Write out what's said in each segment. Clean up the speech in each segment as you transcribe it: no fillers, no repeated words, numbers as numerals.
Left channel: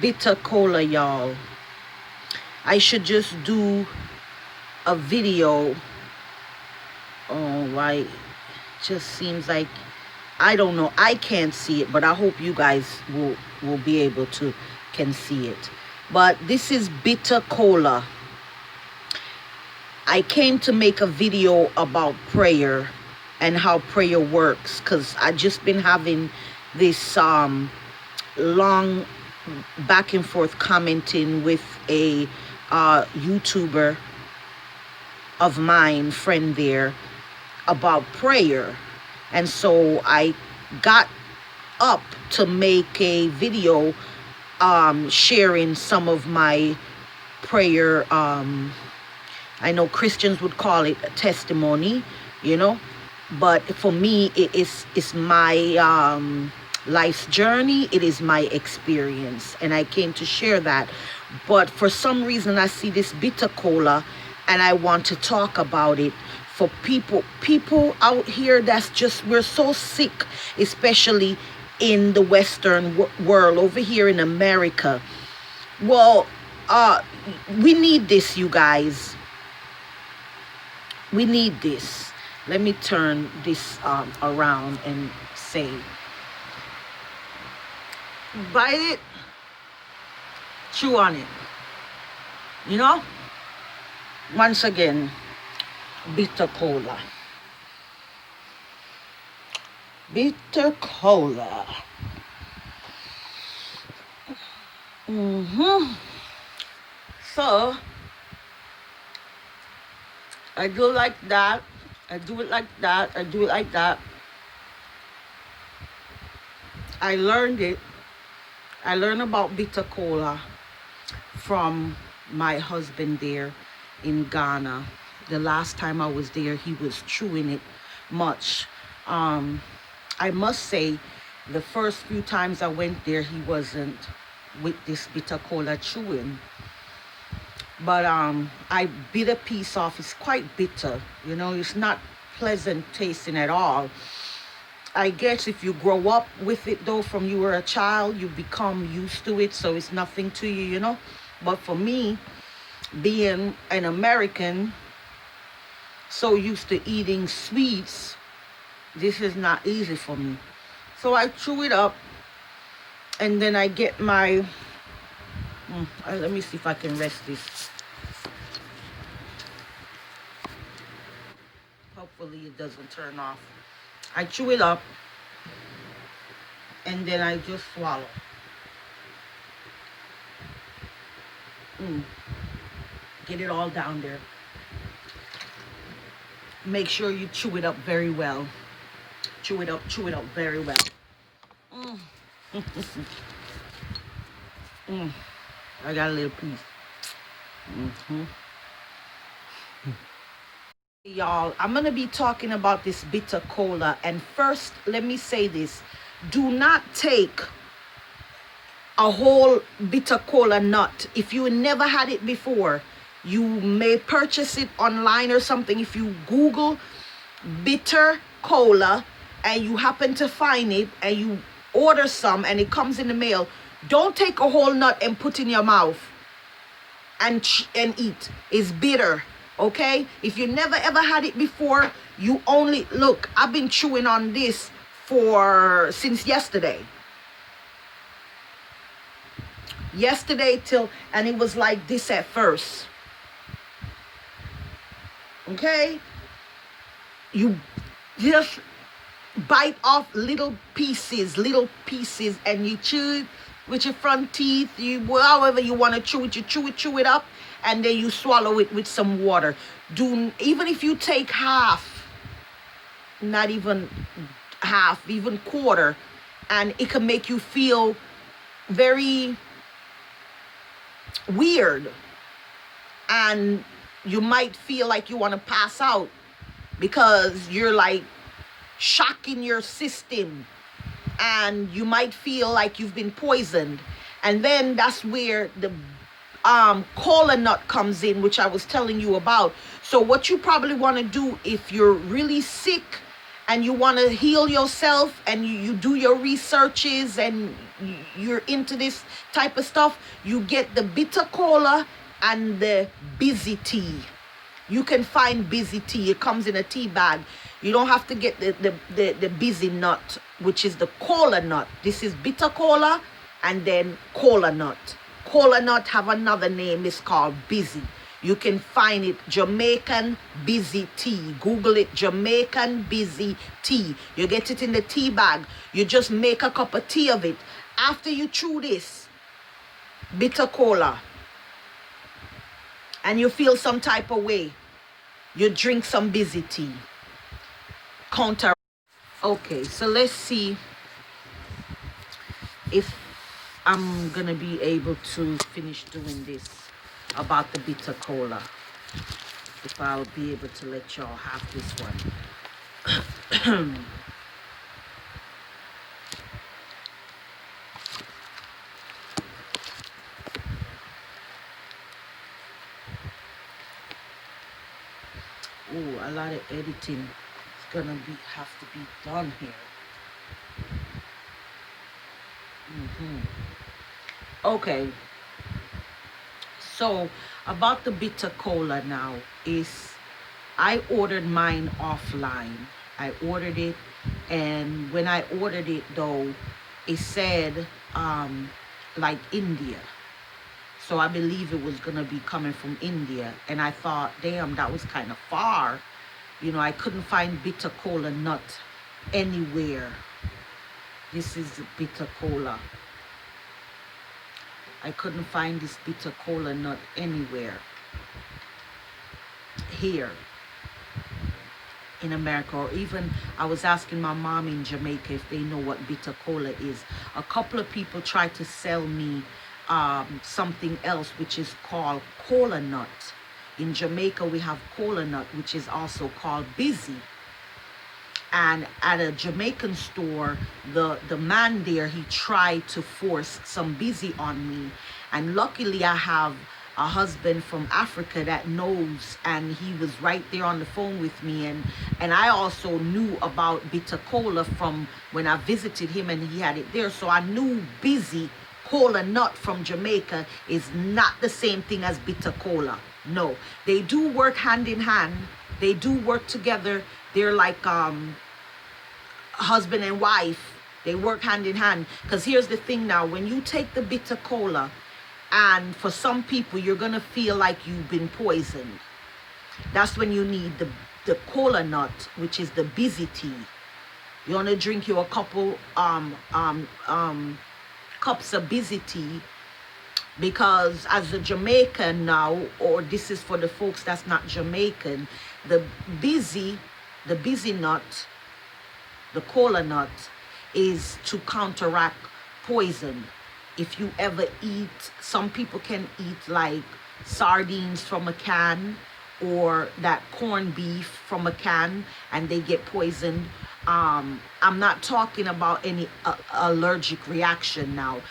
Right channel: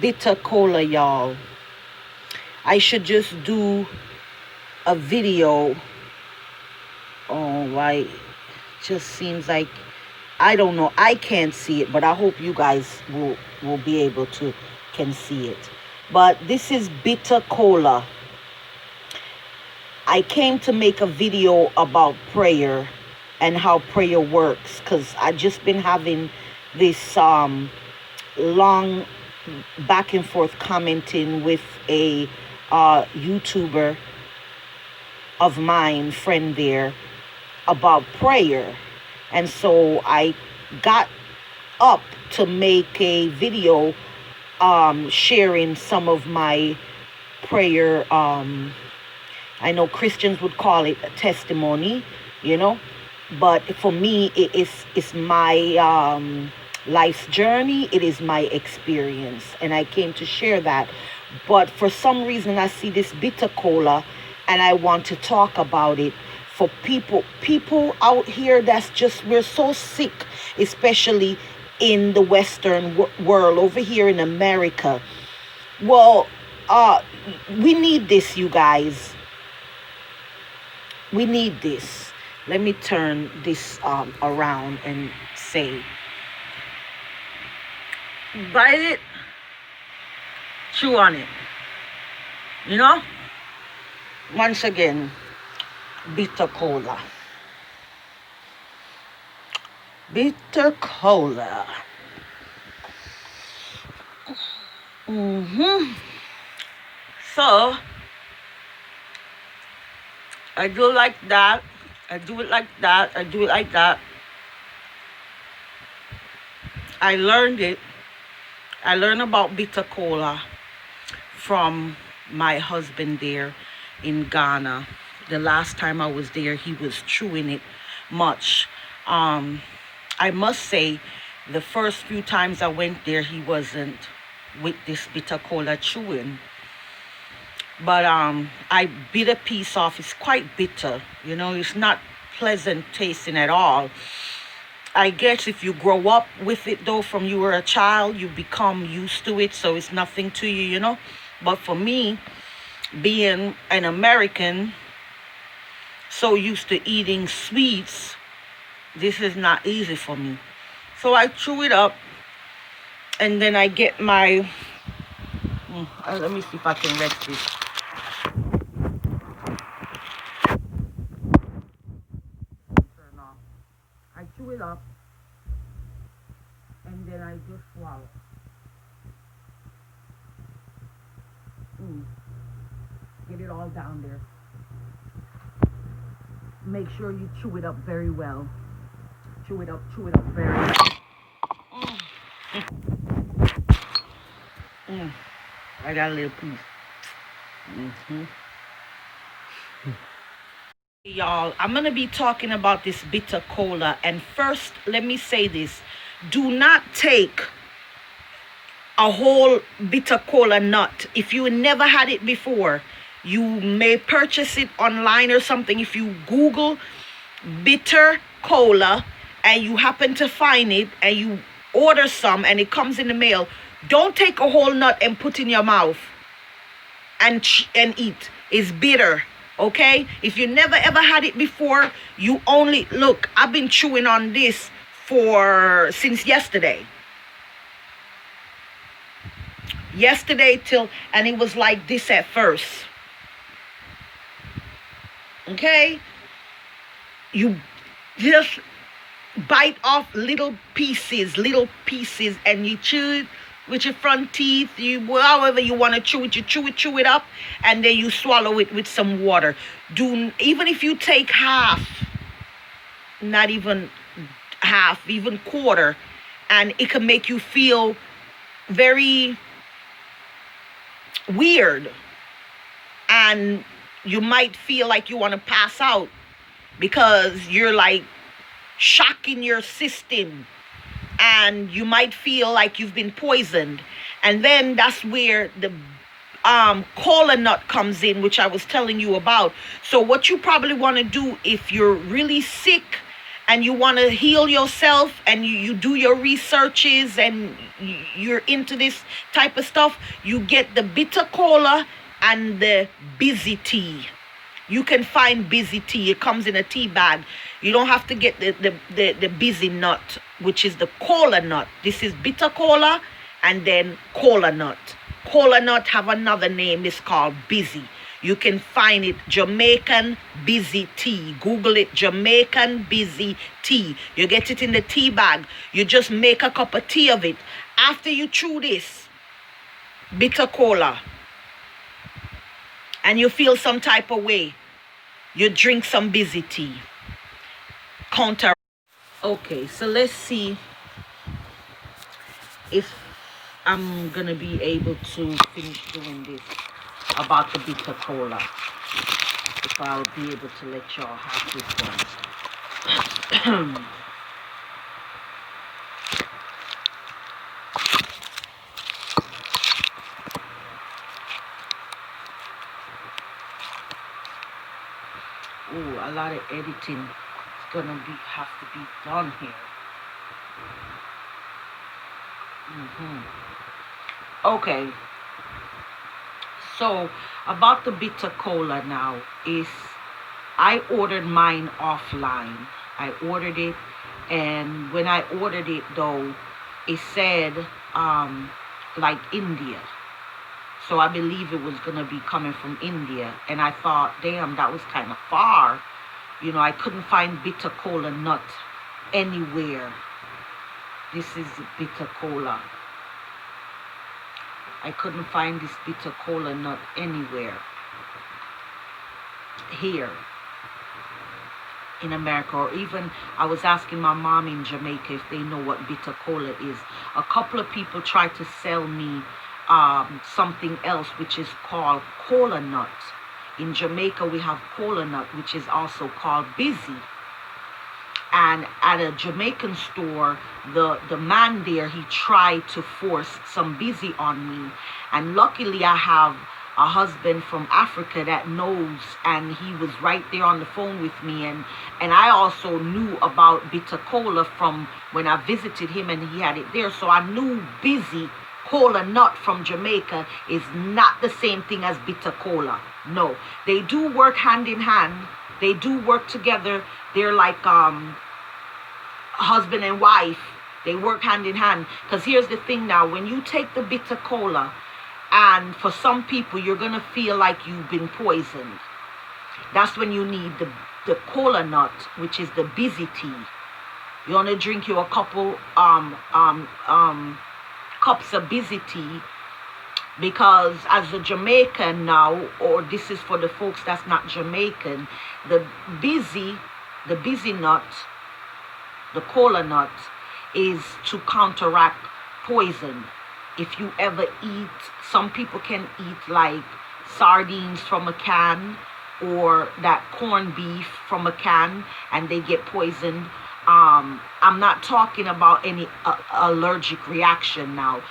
Bitter Kola, y'all. I should just do a video. Oh, why? Just seems like, I don't know. I can't see it, but I hope you guys will be able to can see it. But this is Bitter Kola. I came to make a video about prayer and how prayer works, because I just been having this long back and forth commenting with a YouTuber of mine, friend there, about prayer. And so I got up to make a video sharing some of my prayer. I know Christians would call it a testimony, you know, but for me, it's my life's journey. It is my experience, and I came to share that. But for some reason, I see this Bitter Kola, and I want to talk about it for people out here. That's just, we're so sick, especially in the Western world, over here in America. Well, we need this, you guys. We need this. Let me turn this around and say, bite it, chew on it. You know? Once again, Bitter Kola. Bitter Kola. So, I do like that. I do it like that. I do it like that. I learned it. I learned about Bitter Kola from my husband there in Ghana. The last time I was there, he was chewing it much. I must say, the first few times I went there, he wasn't with this Bitter Kola chewing. But I bit a piece off. It's quite bitter, you know. It's not pleasant tasting at all. I guess if you grow up with it, though, from you were a child, you become used to it, so it's nothing to you, you know. But for me, being an American, so used to eating sweets, this is not easy for me. So I chew it up, and then I get my let me see if I can rest this. Hopefully it doesn't turn off. I chew it up, and then I just swallow. Get it all down there. Make sure you chew it up very well. Chew it up very well. I got a little piece. Y'all, I'm gonna be talking about this Bitter Kola, and first let me say this: do not take a whole Bitter Kola nut. If you never had it before, you may purchase it online or something. If you Google Bitter Kola and you happen to find it and you order some and it comes in the mail, don't take a whole nut and put in your mouth and eat. It's bitter. Okay, if you never ever had it before, you only look. I've been chewing on this since yesterday till, and it was like this at first. Okay, you just bite off little pieces, and you chew it with your front teeth. However you want to chew it, you chew it up, and then you swallow it with some water. Even if you take half, not even half, even quarter, and it can make you feel very weird, and you might feel like you want to pass out because you're like shocking your system, and you might feel like you've been poisoned. And then that's where the Kola Nut comes in, which I was telling you about. So what you probably want to do if you're really sick and you want to heal yourself, and you do your researches, and you're into this type of stuff, you get the bitter cola and the busy tea. You can find busy tea. It comes in a tea bag. You don't have to get the busy nut, which is the cola nut. This is bitter cola and then cola nut. Cola nut have another name. It's called busy. You can find it, Jamaican busy tea. Google it, Jamaican busy tea. You get it in the tea bag. You just make a cup of tea of it. After you chew this bitter cola and you feel some type of way, you drink some busy tea. Counter. Okay, so let's see if I'm gonna be able to finish doing this about the bitter cola. If I'll be able to let y'all have this one. Oh, a lot of editing is gonna have to be done here. Okay, so about the bitter cola now is, I ordered mine offline. I ordered it, and when I ordered it though, it said like India. So I believe it was gonna be coming from India, and I thought, damn, that was kind of far. You know, I couldn't find bitter cola nut anywhere. This is bitter cola. I couldn't find this bitter cola nut anywhere here in America, or even I was asking my mom in Jamaica if they know what bitter cola is. A couple of people tried to sell me something else which is called Kola Nut. In Jamaica we have Kola Nut, which is also called busy. And at a Jamaican store, the man there, he tried to force some busy on me. And luckily I have a husband from Africa that knows, and he was right there on the phone with me. And I also knew about bitter cola from when I visited him, and he had it there. So I knew busy Kola Nut from Jamaica is not the same thing as bitter cola. No, they do work hand in hand. They do work together. They're like husband and wife. They work hand in hand. Because here's the thing now, when you take the bitter cola, and for some people you're gonna feel like you've been poisoned, that's when you need the cola nut, which is the busy tea. You want to drink you a couple cups of busy tea, because as a Jamaican now, or this is for the folks that's not Jamaican, the busy nut, the cola nut, is to counteract poison. If you ever eat, some people can eat like sardines from a can, or that corned beef from a can, and they get poisoned. I'm not talking about any allergic reaction now.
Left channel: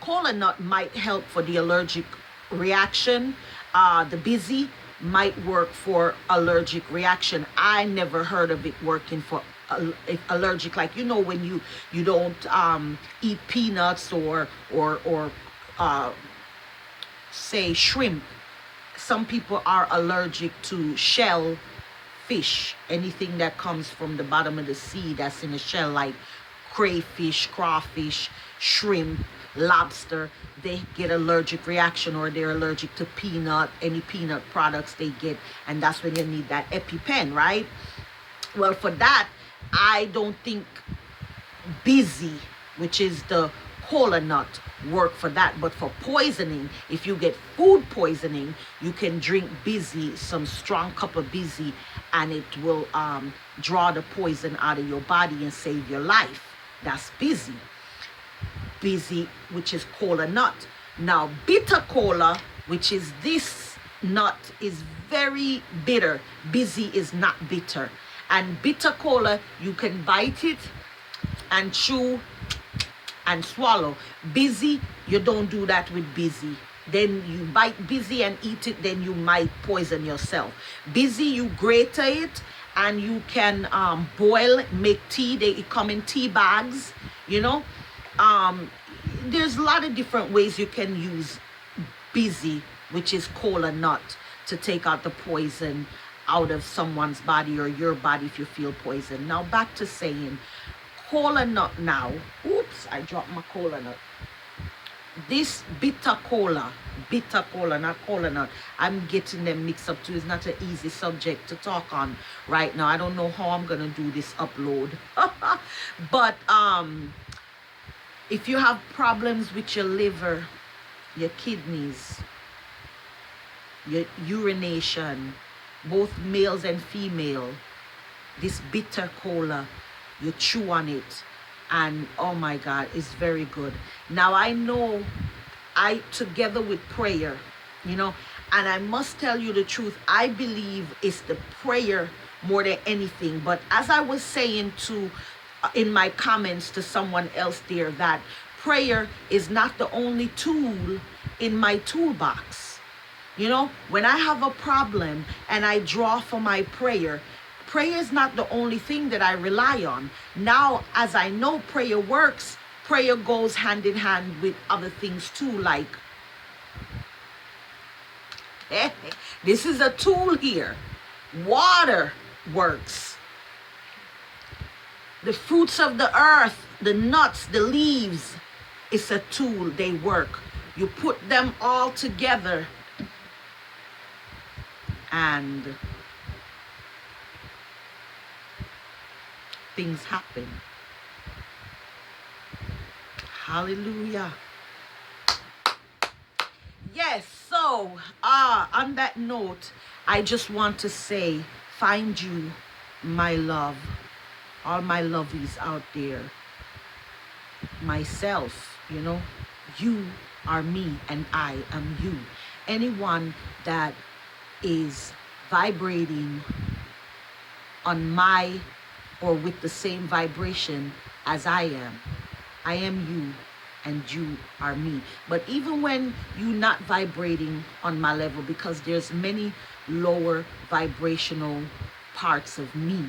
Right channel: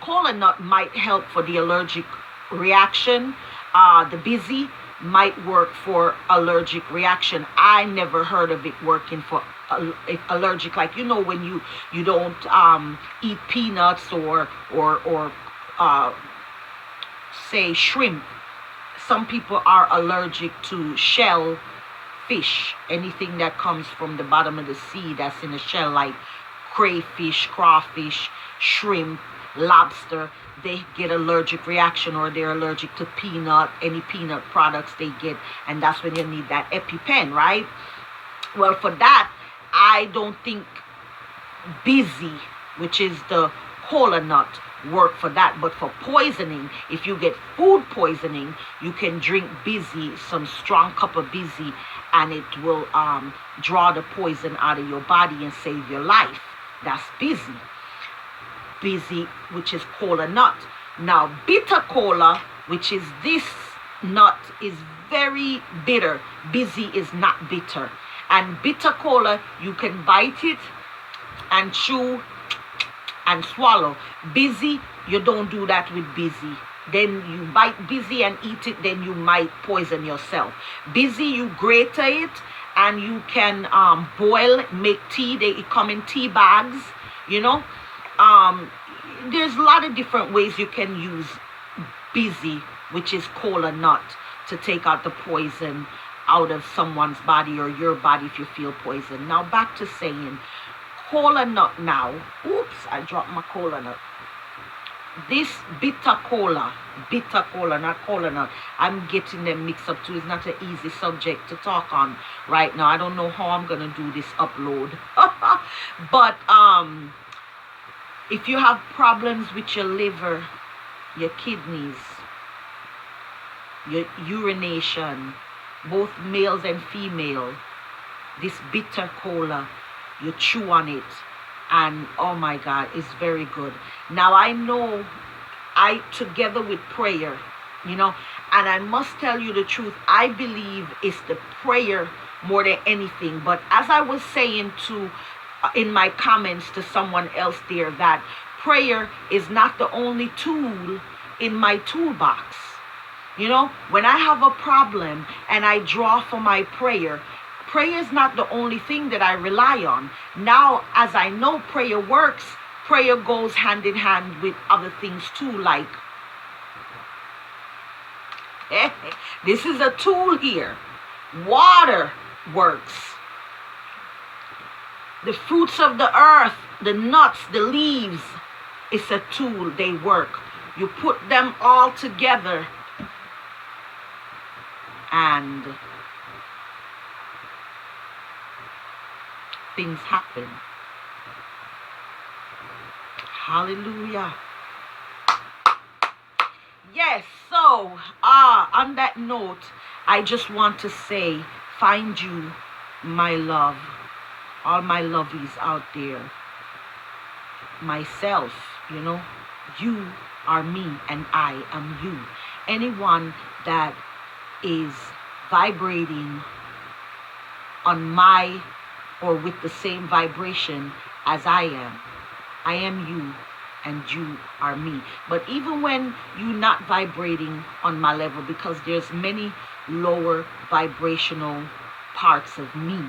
Kola nut might help for the allergic reaction. The busy might work for allergic reaction. I never heard of it working for allergic, like, you know, when you don't eat peanuts or say shrimp. Some people are allergic to shell fish, anything that comes from the bottom of the sea that's in a shell, like crayfish, crawfish, shrimp, lobster. They get allergic reaction, or they're allergic to peanut, any peanut products they get, and that's when you need that EpiPen, right? Well, for that, I don't think busy, which is the cola nut, work for that. But for poisoning, if you get food poisoning, you can drink busy, some strong cup of busy, and it will draw the poison out of your body and save your life. That's busy. Busy, which is cola nut. Now bitter cola, which is this nut, is very bitter. Busy is not bitter. And bitter cola, you can bite it and chew and swallow. Busy, you don't do that with busy. Then you bite busy and eat it, then you might poison yourself. Busy, you grate it and you can boil, make tea. They come in tea bags, you know. Um, there's a lot of different ways you can use busy, which is kola nut, to take out the poison out of someone's body or your body if you feel poison. Now back to saying kola nut now. Oops, I dropped my kola nut. This bitter cola, not kola nut. I'm getting them mixed up too. It's not an easy subject to talk on right now. I don't know how I'm gonna do this upload. But if you have problems with your liver, your kidneys, your urination, both males and female, this bitter cola, you chew on it, and oh my God, it's very good. Now I know, I together with prayer, you know, and I must tell you the truth, I believe it's the prayer more than anything. But as I was saying to in my comments to someone else there, that prayer is not the only tool in my toolbox. You know, when I have a problem and I draw for my prayer, prayer is not the only thing that I rely on. Now, as I know prayer works, prayer goes hand in hand with other things too, like, this is a tool here. Water works. The fruits of the earth, the nuts, the leaves, it's a tool, they work. You put them all together and things happen. Hallelujah. Yes, so on that note, I just want to say, find you, my love, all my lovies out there, myself, you know, you are me and I am you. Anyone that is vibrating on my or with the same vibration as I am you and you are me. But even when you're not vibrating on my level, because there's many lower vibrational parts of me,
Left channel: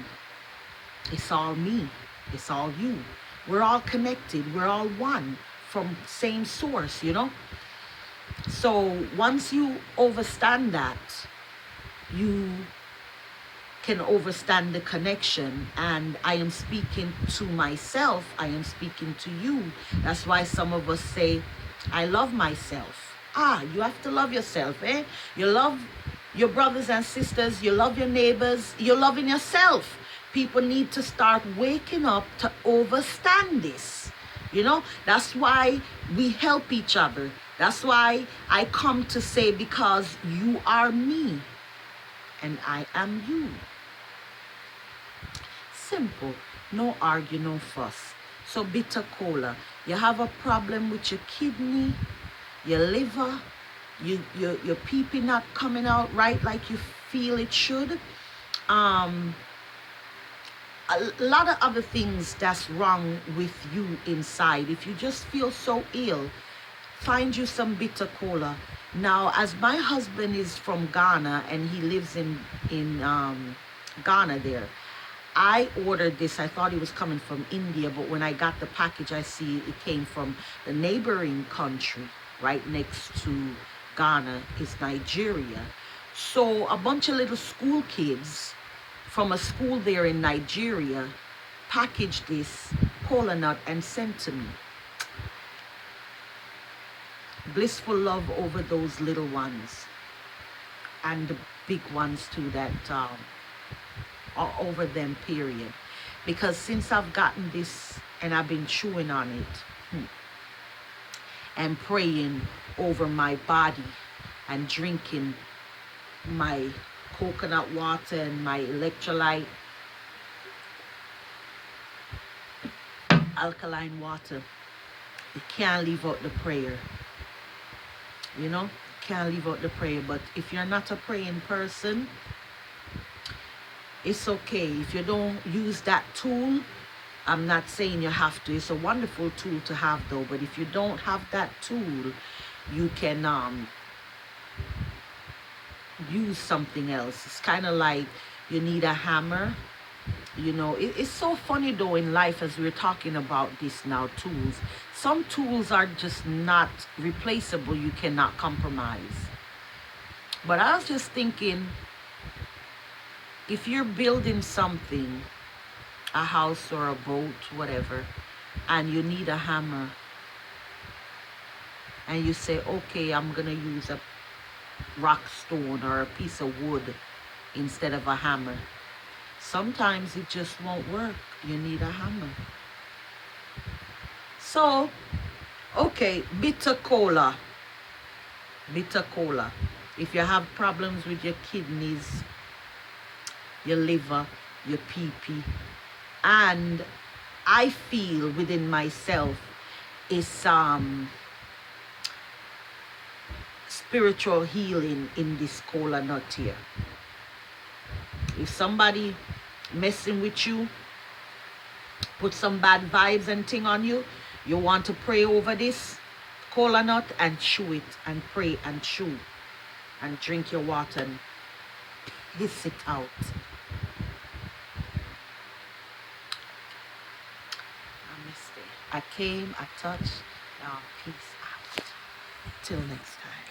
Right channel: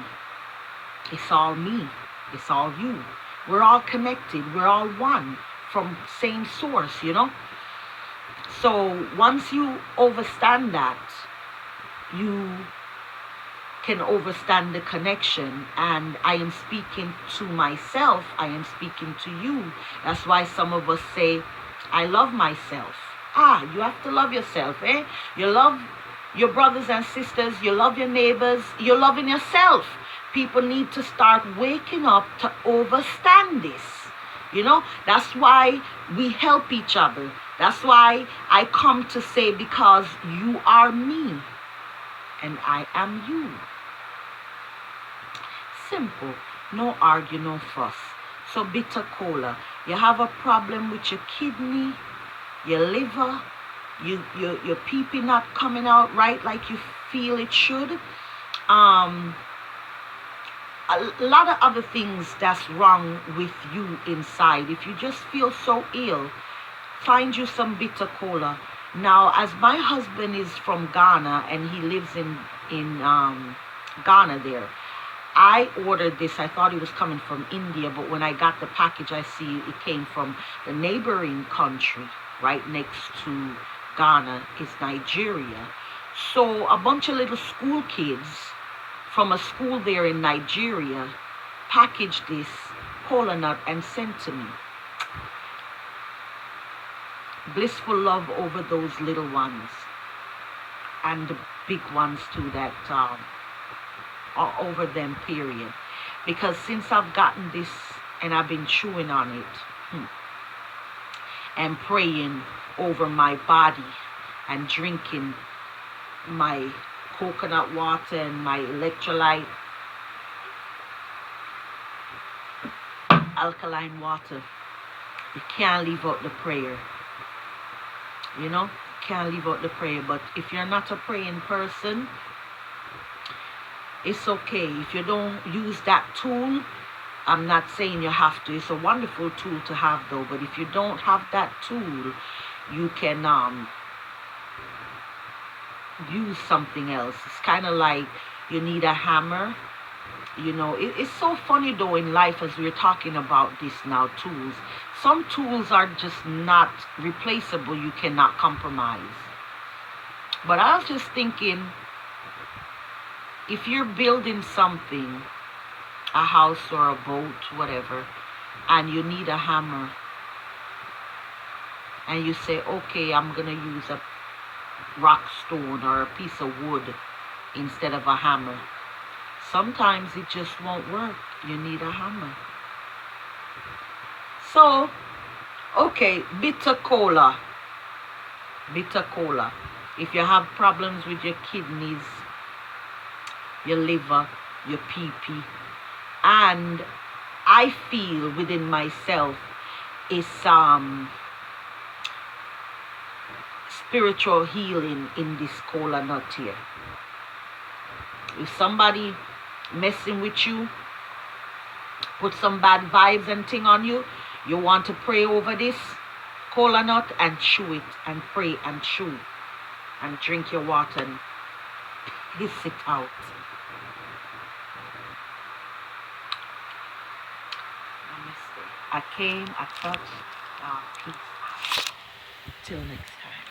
it's all me, it's all you. We're all connected, we're all one from same source, you know. So once you understand that, you can understand the connection. And I am speaking to myself, I am speaking to you. That's why some of us say, I love myself. You have to love yourself, eh? You love your brothers and sisters, you love your neighbors, you're loving yourself. People need to start waking up to understand this. You know, that's why we help each other. That's why I come to say, because you are me and I am you. Simple. No argue, no fuss. So bitter cola. You have a problem with your kidney, your liver, your pee-pee not coming out right like you feel it should. A lot of other things that's wrong with you inside. If you just feel so ill, find you some bitter cola. Now, as my husband is from Ghana and he lives in Ghana there, I ordered this. I thought it was coming from India, but when I got the package, I see it came from the neighboring country right next to Ghana is Nigeria. So a bunch of little school kids from a school there in Nigeria packaged this Kola Nut and sent to me. Blissful love over those little ones and the big ones too that are over them, period. Because since I've gotten this and I've been chewing on it and praying over my body and drinking my coconut water and my electrolyte alkaline water, you can't leave out the prayer. You know, can't leave out the prayer. But if you're not a praying person, it's okay. If you don't use that tool, I'm not saying you have to. It's a wonderful tool to have though. But if you don't have that tool, you can use something else. It's kind of like You need a hammer. You know, it's so funny though in life as we're talking about this now, tools. Some tools are just not replaceable. You cannot compromise. But I was just thinking, if you're building something, a house or a boat, whatever, and you need a hammer, and you say, okay, I'm going to use a rock stone or a piece of wood instead of a hammer. Sometimes it just won't work. You need a hammer. So, okay, bitter cola. Bitter cola. If you have problems with your kidneys, your liver, your pee-pee, and I feel within myself is spiritual healing in this cola nut here. If somebody messing with you, put some bad vibes and thing on you, you want to pray over this cola nut and chew it and pray and chew and drink your water and piss it out. Namaste. I came, I touched, peace. Till next time.